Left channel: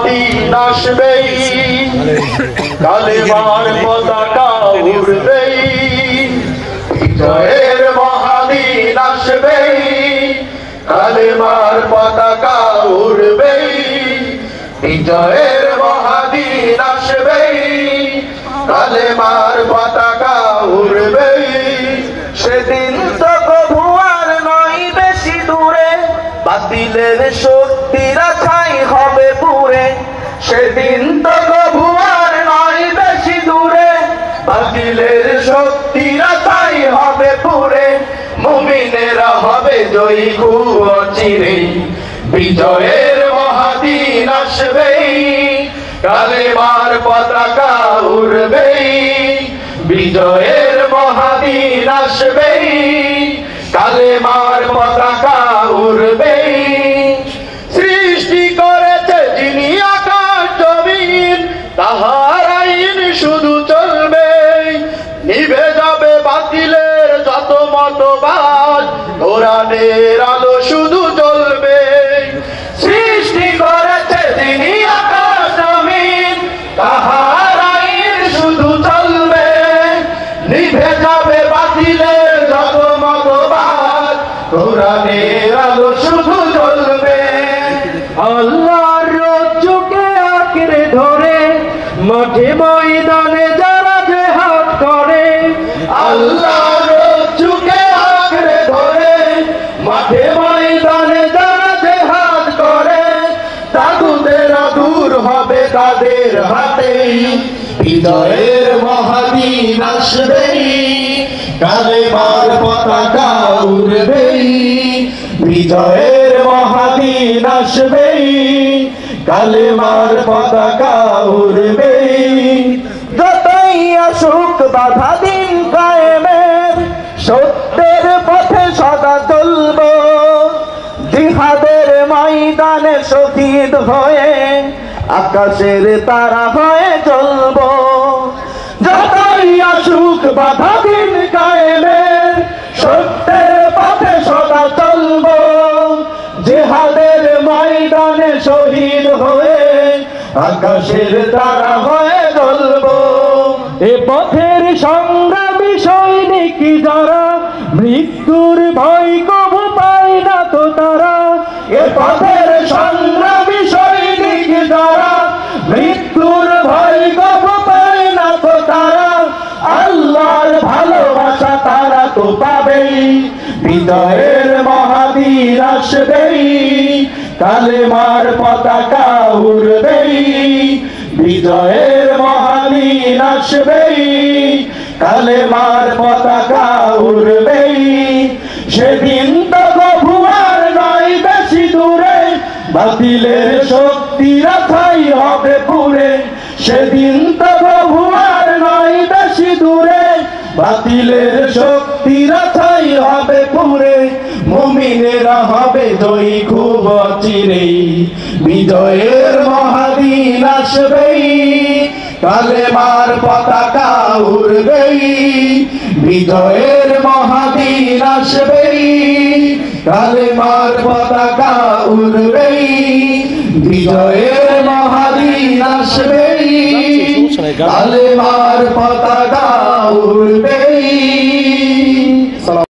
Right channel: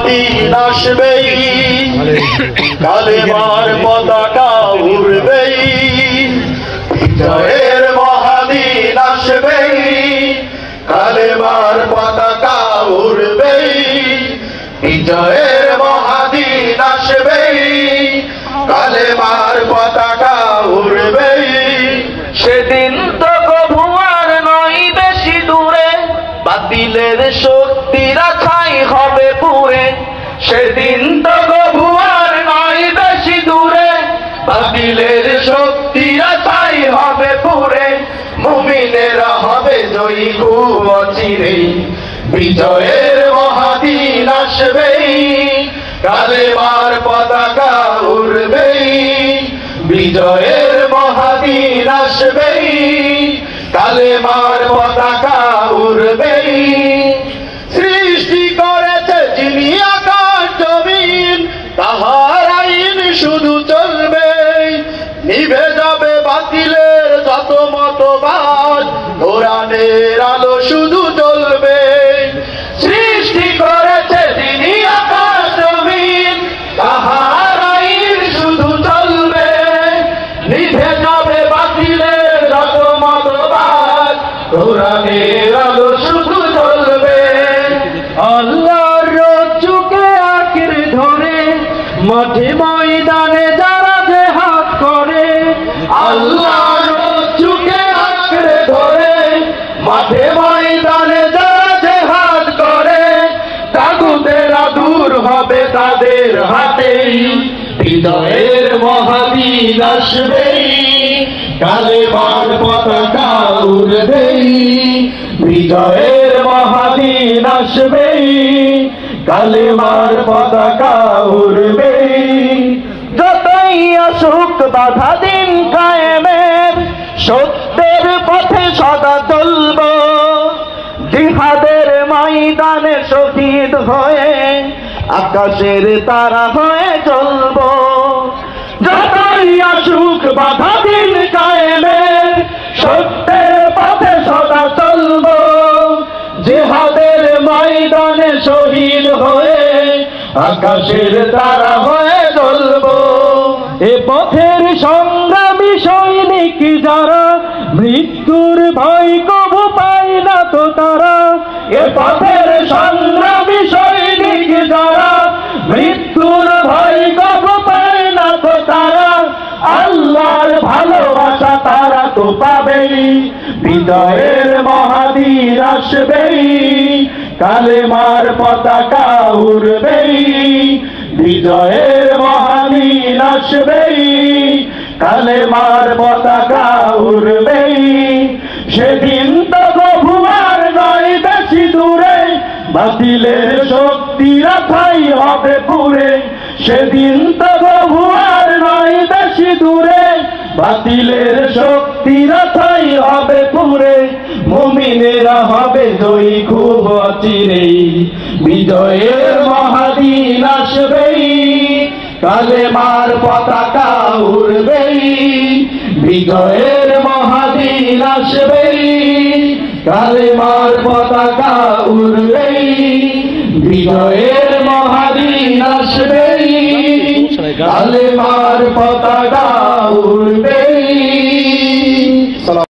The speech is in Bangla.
মহাদিন আসবেই, কালেমার পতাকা উড়বেই, বিজয়ের মহাদিন আসবেই, কালেমার পতাকা উড়বেই, বিজয়ের মহাদিন আসবেই, কালেমার পতাকা উড়বেই। সেদিন তো কভু আর নয় বেশি দূরে, বাতিলের শক্তিরা ঠাঁই হবে পুরে। সেদিন তো কভু আর নয় বেশি দূরে, বাতিলের শক্তিরা ঠাঁই হবে পুরে। মুমিনেরা হবে জয়ী খুব অচিরেই, বিজয়ের মহাদিন আসবেই, কালেমার পতাকা উড়বেই, বিজয়ের মহাদিন আসবেই, কালেমার পতাকা উড়বেই। সৃষ্টি করেছে যিনি আকাশ জমিন, তাহার আইন শুধু চলবে। নিভে যাবে বাতিলের যত মতবাদ, কোরআনের আলো শুধু জ্বলবে। সৃষ্টি করেছে যিনি আকাশ জমিন, তাহার আইন শুধু চলবে। নিভে যাবে বাতিলের যত মতবাদ, কোরআনের আলো শুধু জ্বলবে। আল্লাহর রজ্জুকে আঁকড়ে ধরে মাঠে ময়দানে যারা জিহাদ করে, আল্লাহর রজ্জুকে আঁকড়ে ধরে মাঠে ময়দানে যারা জিহাদ করে, তাগুতেরা দূর হবে তাদের হাতেই, বিজয়ের মহাদিন আসবেই, কালেমার পতাকা উড়বেই, বিজয়ের মহাদিন আসবেই, কালেমার পতাকা উড়বেই। যতই আসুক বাধা দিন কায়েমের, সত্যের পথে সদা চলব। জিহাদের ময়দানে শহীদ হয়ে আকাশের তারা হয়ে চলব। যতই আসুক বাধা দিন কায়েমের, সত্যের পথে সদা চলব। জিহাদের ময়দানে শহীদ হয়ে আকাশের তারা হয়ে চলব। এ পথের সংগ্রামী সৈনিক যারা, মৃত্যুর ভয় কবু পায় না তো তারা। এ পথের সংগ্রামী সৈনিক যারা, মৃত্যুর ভয় কবু পায় না তো তারা। আল্লাহর ভালোবাসা তারা তো পাবেই, বিজয়ের মহাদিন আসবেই, কালেমার পতাকা উড়বেই, বিজয়ের মহাদিন আসবেই, কালেমার পতাকা উড়বেই। সেদিন তো কভু আর নয় বেশি দূরে, বাতিলের শক্তিরা ঠাঁই হবে পুরে। সেদিন তো কভু আর নয় বেশি দূরে, বাতিলের শক্তিরা ঠাঁই হবে পুরে। মুমিনেরা হবে জয়ী খুব অচিরেই, বিজয়ের মহাদিন আসবেই, কালেমার পতাকা উড়বেই, বিজয়ের মহাদিন আসবেই, কালেমার পতাকা উড়বেই, বিজয়ের মহাদিন আসবেই, কালেমার পতাকা